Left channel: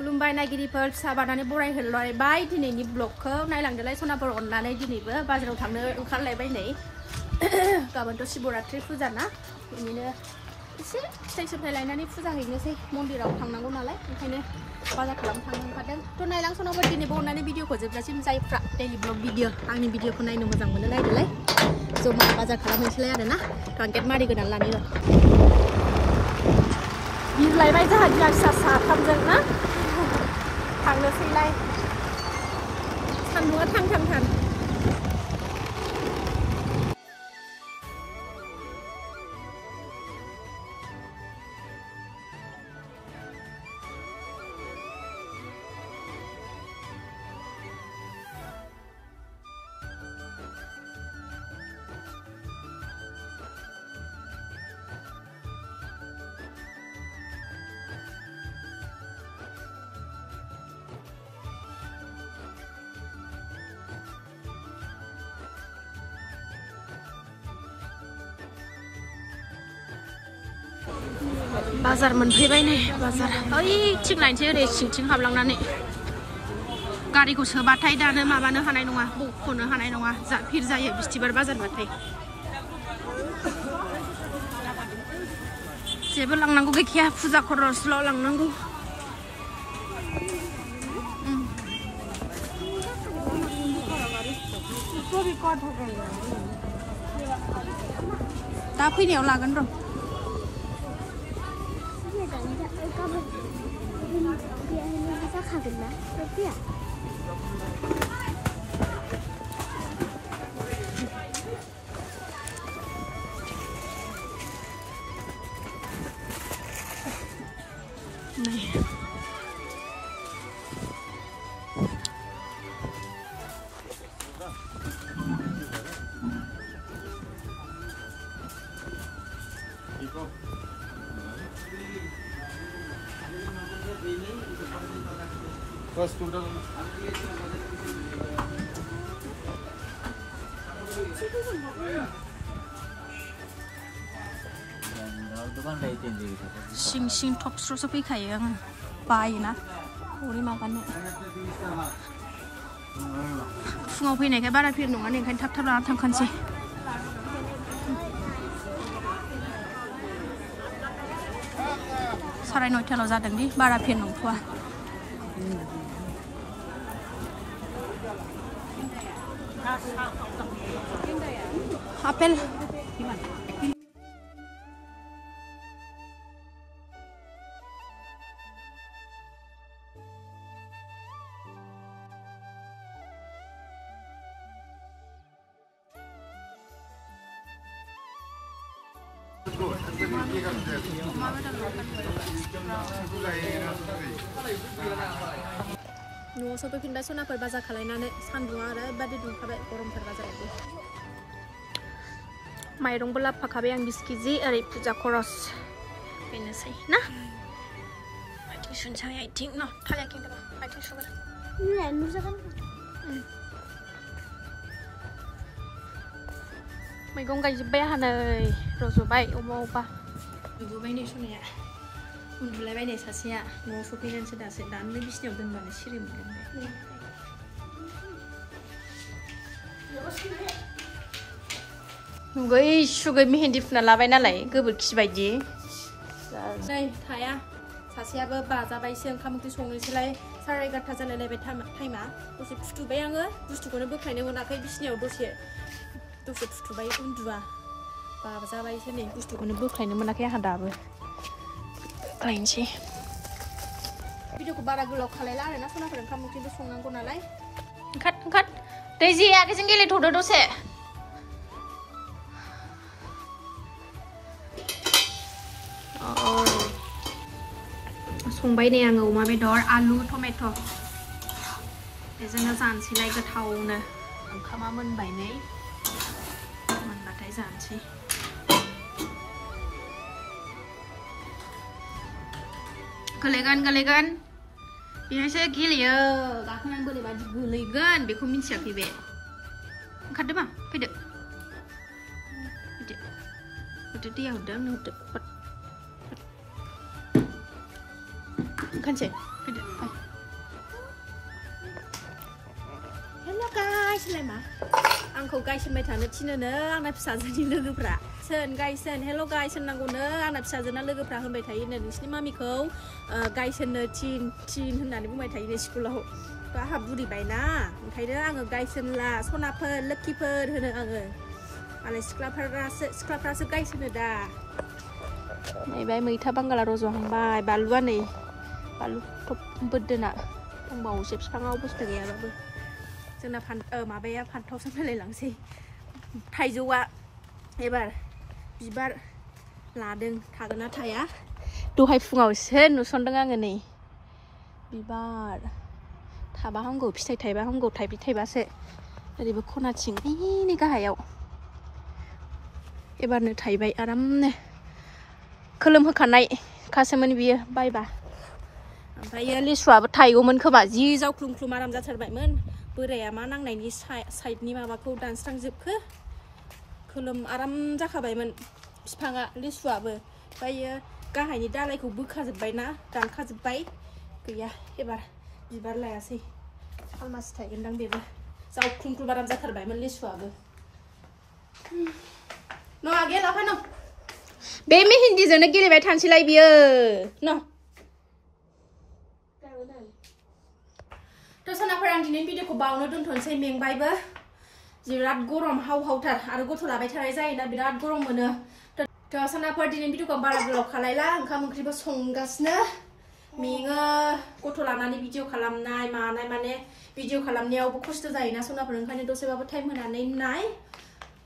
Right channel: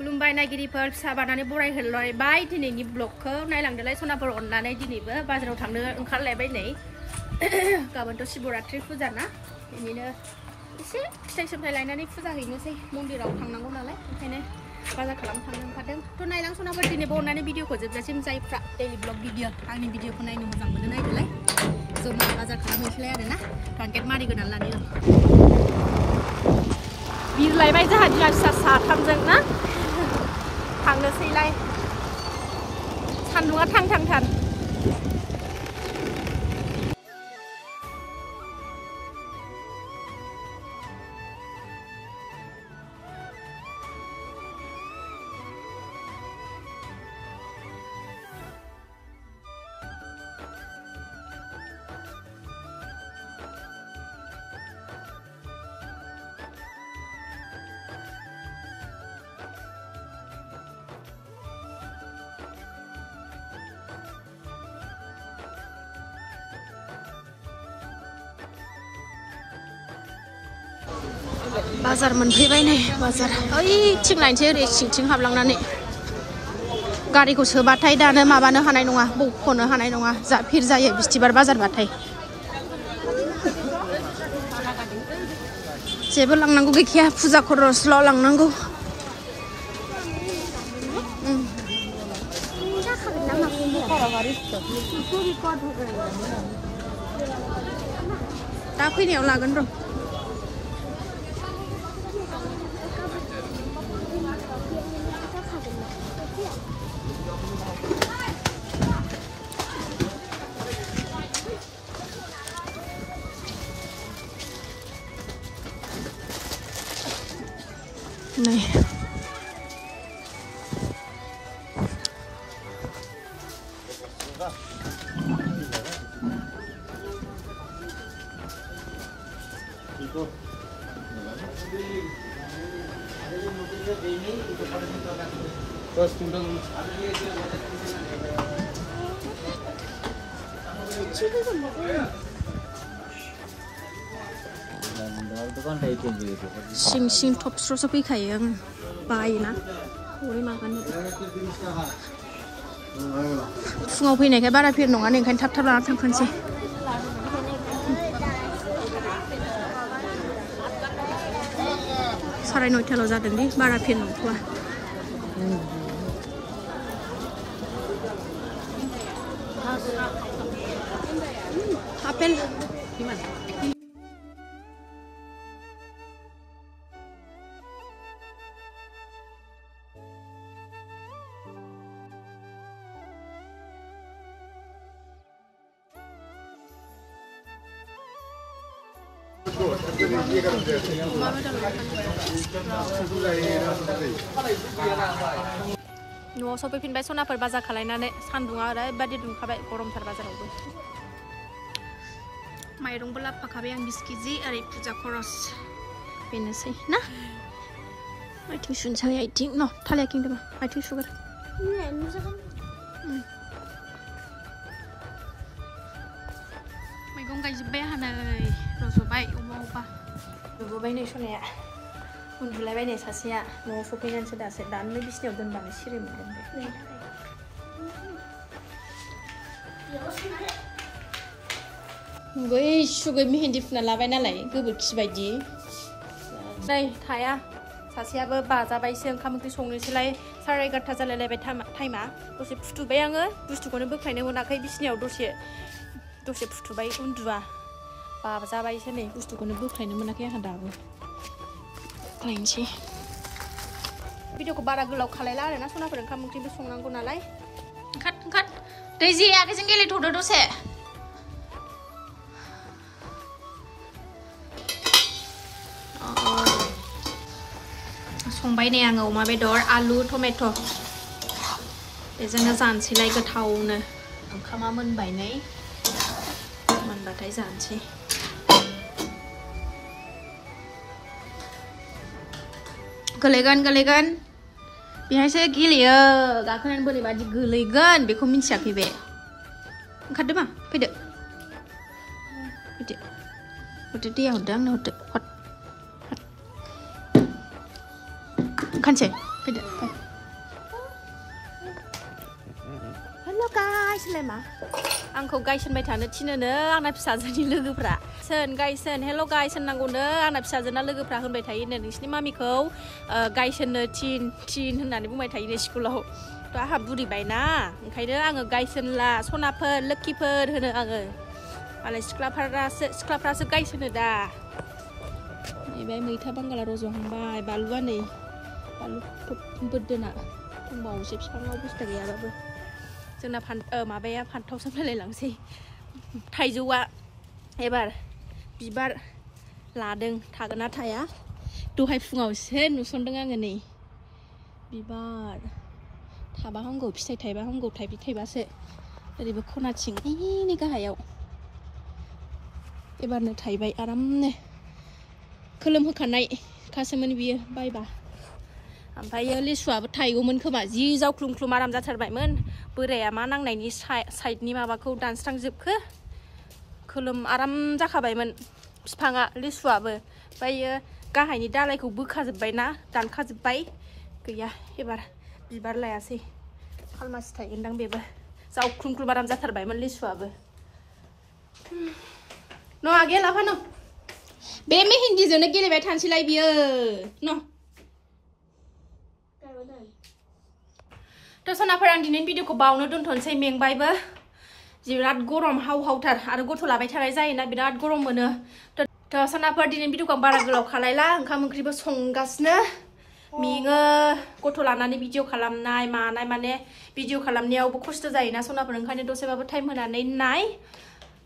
खुलुमबाय नायगिरिफोर फिसा बानानै बरायहरलायबाय दिनैनि ब्लगखौ नायलांदोलाय सनाफोर अननानै दिनैबो बाजाराव थांनो ओंखारलायबाय नै गाबोनथ' शिवरात्रि फुजा ना बिनिनो एसे फिथाइ सामथाइ लायनानै फुजा हैनोसै मन्दिराव थांनांगौ नालाय ओंखायनो बाजार खालामनो थांनो ओंखारदों थ' नायलां सनाफोर दिनैबो अननानै भिडिअखौ जोबजासिम जायफ्रा डेइलि ब्लग भिडिअ आंनि भिडिअखौ नायनो मोजां मोनो नायदोलाय जमा बाजार खालामहैसैलाय आरोना टार्गेट मारिगोनानै लानि र' बिरलायबाय जोंहा बिमा फिसा साथामजों ना थांनोसैलाय सान्दुङा थां बाजार मोनफैबाय नै बाजार ओइथिं नायनोसै ओरै सिंथिं हाबलांनानै गारिखौ सोबाथाय दानो माबानो हानाय नङा बख'नो हानाय नङा जा भिर जायो बिस्थिबार बाजारबाथाय जेबो लांनांगौ गैखाया फुजा खरसल' लांनांगौ दा फैनायाव लागोन र' नहीं सिं सिं थबस्र'सो फैखायो आं बायोना हरै माबानो फुङाव फैनायखाय बारा भिर नङा ओंखायनो थाब थाब लाना थांखानोसै साराय 9टाल' जादों दि बारा भिर नंथ'आ आपेल न'आव सफैफिनबाय सनाफोर बाजार खालायनानै सान्दुङा ओरैबायदि दुंखाबाय गरमथार बाजारावबो माइरंबो लाबोफाखाबाय आं 20 केजि ओरै फुजा खरस बेनोसै ना आथिं सुनोसै आथिं न' थालायाखै आथिं सुगोर मैगं गायजोब्बाय आंहा नै रज'बाय अबा नुबोबाय नै सनाया उन्दुलायबाय नै सासेया न'आव सफैनानैसो दासो दानो बिसिनायाव दोनबानो सिरि मोनगोन बे सुगै मेहेन्दी फुना लाबाय नालाय गोबोरखि बायदि नै थाया सासेयाबो बाजाबायसो ओंखाम ओंख्रि संनोसैलाय 11:30 जालायलायबाय टाइमा दसे फुथुबाय आङो बुस्थुखौनो बोख्लायनो मोनाखै बिसिनायाव दसे फुथुबाय उन्दुआ बाजाबायसो नै बुस्थुखौनो बोख्लायनो मोनाखै आंहा दाबो लायनोसै भिडिअखौ बारा गोलाव खालायला आरोना सनाफोर ओंखाम ओंख्रिबो संनांगौ नालाय ओंखार दैजि आगैजों गेलेथ'दो दसे संबाय नै आङो अमा बेदर आलु टमेट' बेजोंनो जानोसैलाय गोथावनो ओंखामा मोनबाय नै मोनबाथाय जानोसै गोलैगोन बेहायसो गेलेयो गाखोनानै बोरैबादि गोलैगोन बेखौ मिन्थियाखै बे ओंखारदो मा फैदो हरदो दैया हरदो आंनो हरदो हर खानसे फैदो फै गायसोनलाय मा आंखौ गायसोनबाय थानो थिनोनो आंना फिसाजोनि लोगोफ्रा सोन गायसोन हेल' गायसोननांगौनो आंना फिसाजोना लोगोफ्रा होनबाय थायोनो नोंसिनि मामिखौ गायसोननो थिन होननानै बुंबाय थायोनो स्कुलाव थ' आंहा बुरिबायना ओंखायनो आङो गायसोनला सनाफोर लोक्षिफोर होनो आङो मालाय सिख्लाफ्रासो गायसोनो दा नैबाय मैथा बांगाला रज'हांबाय बानलुआ नै बानलु बोदोना दंबावोसो बिफाङाव बुस्थु गैयाबाबो जोंना माबाया फान्थाव सोमलायलांसै थाइजौआ एबार बिबार लादों थागोन ना थाया दहाय फुङावसो नुसनदों आङो नै बिबार थाबा हामगौ फिथाइ थाइबा हामगौ थाइबासो ओरैबो खनाथिं नै गाहायाव एबारनो थाइबाय आरामनो खोलोम होखानाय खासोमोन बियो बायबा ओमफ्रायो लिसुआबो थाइगौमोन खोमा जि जावख्लुम आराम जाथारबायमोन बोराया मा नांनायनि साइडनि माबाखौ दानस्रांजोबखो खोलोम आराम जाखाबायमोन बिफाङा लिसुआबो ओमफ्रायो गाहायनि दालायखौ बोखाजोब्बायना दानखाजोब्बाय गैया एबार बिबार लायासै खालमासि थाइगोनदां बेबो जावख्लुम आराम जाथारबायमोन लिसुआबो न' आगे लाफा न' बे मेहेन्दिजोंनो गेलेबाय थानोसैलाय बियो न' थ' सनाफोर आं दिनैनि भिडिअखौ बावनो दोनथ'नोसै मेंबायबो बिराद गरम हावथार आरो गथ' लाबाय थानाय जायोना बिराद गरम मोनो थ' सनाफोर दिनैनि भिडिअखौ आं बारा गोलाव खालायला ओंखाम ओंख्रिबो संगासिनो मेङो गथ' लानानै भिडिअ खालामनाय मानाय माने भिडिअ खालामनायावबो खस्थ' जायोना सनाफोर ओंखायनो दसेबाबो टाइम होनानै नाय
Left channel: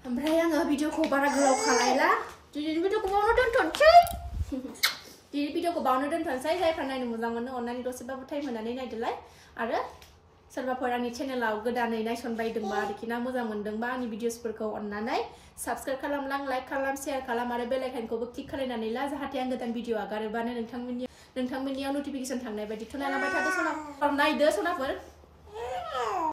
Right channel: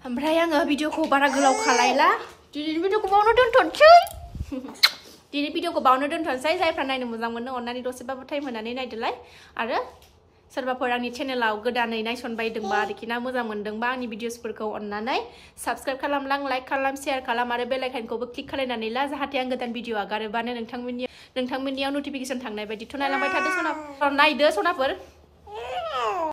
ओमफ्राय आङो भिडिअखौ बारा गोलाव खालायला दिनैनि भिडिअखौ बावनो दोनथ'नोसै दिनै भिडिअखौ बावनो दोनथ'नोसै जायफ्रा नायनो मोजां मोनो अननानै दसेबाबो टाइम होनानै नायदोलाय आरो सोरबाफोर आंनि चेनेलाव गोदानै नायसनबायदोंबा आरोखि ना मोजां मोनदोंबा आंनि भिडिअसफोरखौ अननानै साबस्क्राइब खालामलां लाइक खालाम शेयार खालाम आरो बेल आइकनखौबो क्लिक खालामनानै ला जाहाथे आं गोदान भिडिअ आगारोबानो नोंथांमोननियाव नटिफिकेसन थांनाय बायदिथ' नायलांबाय थादो सनाफोर नायदो सनाफोर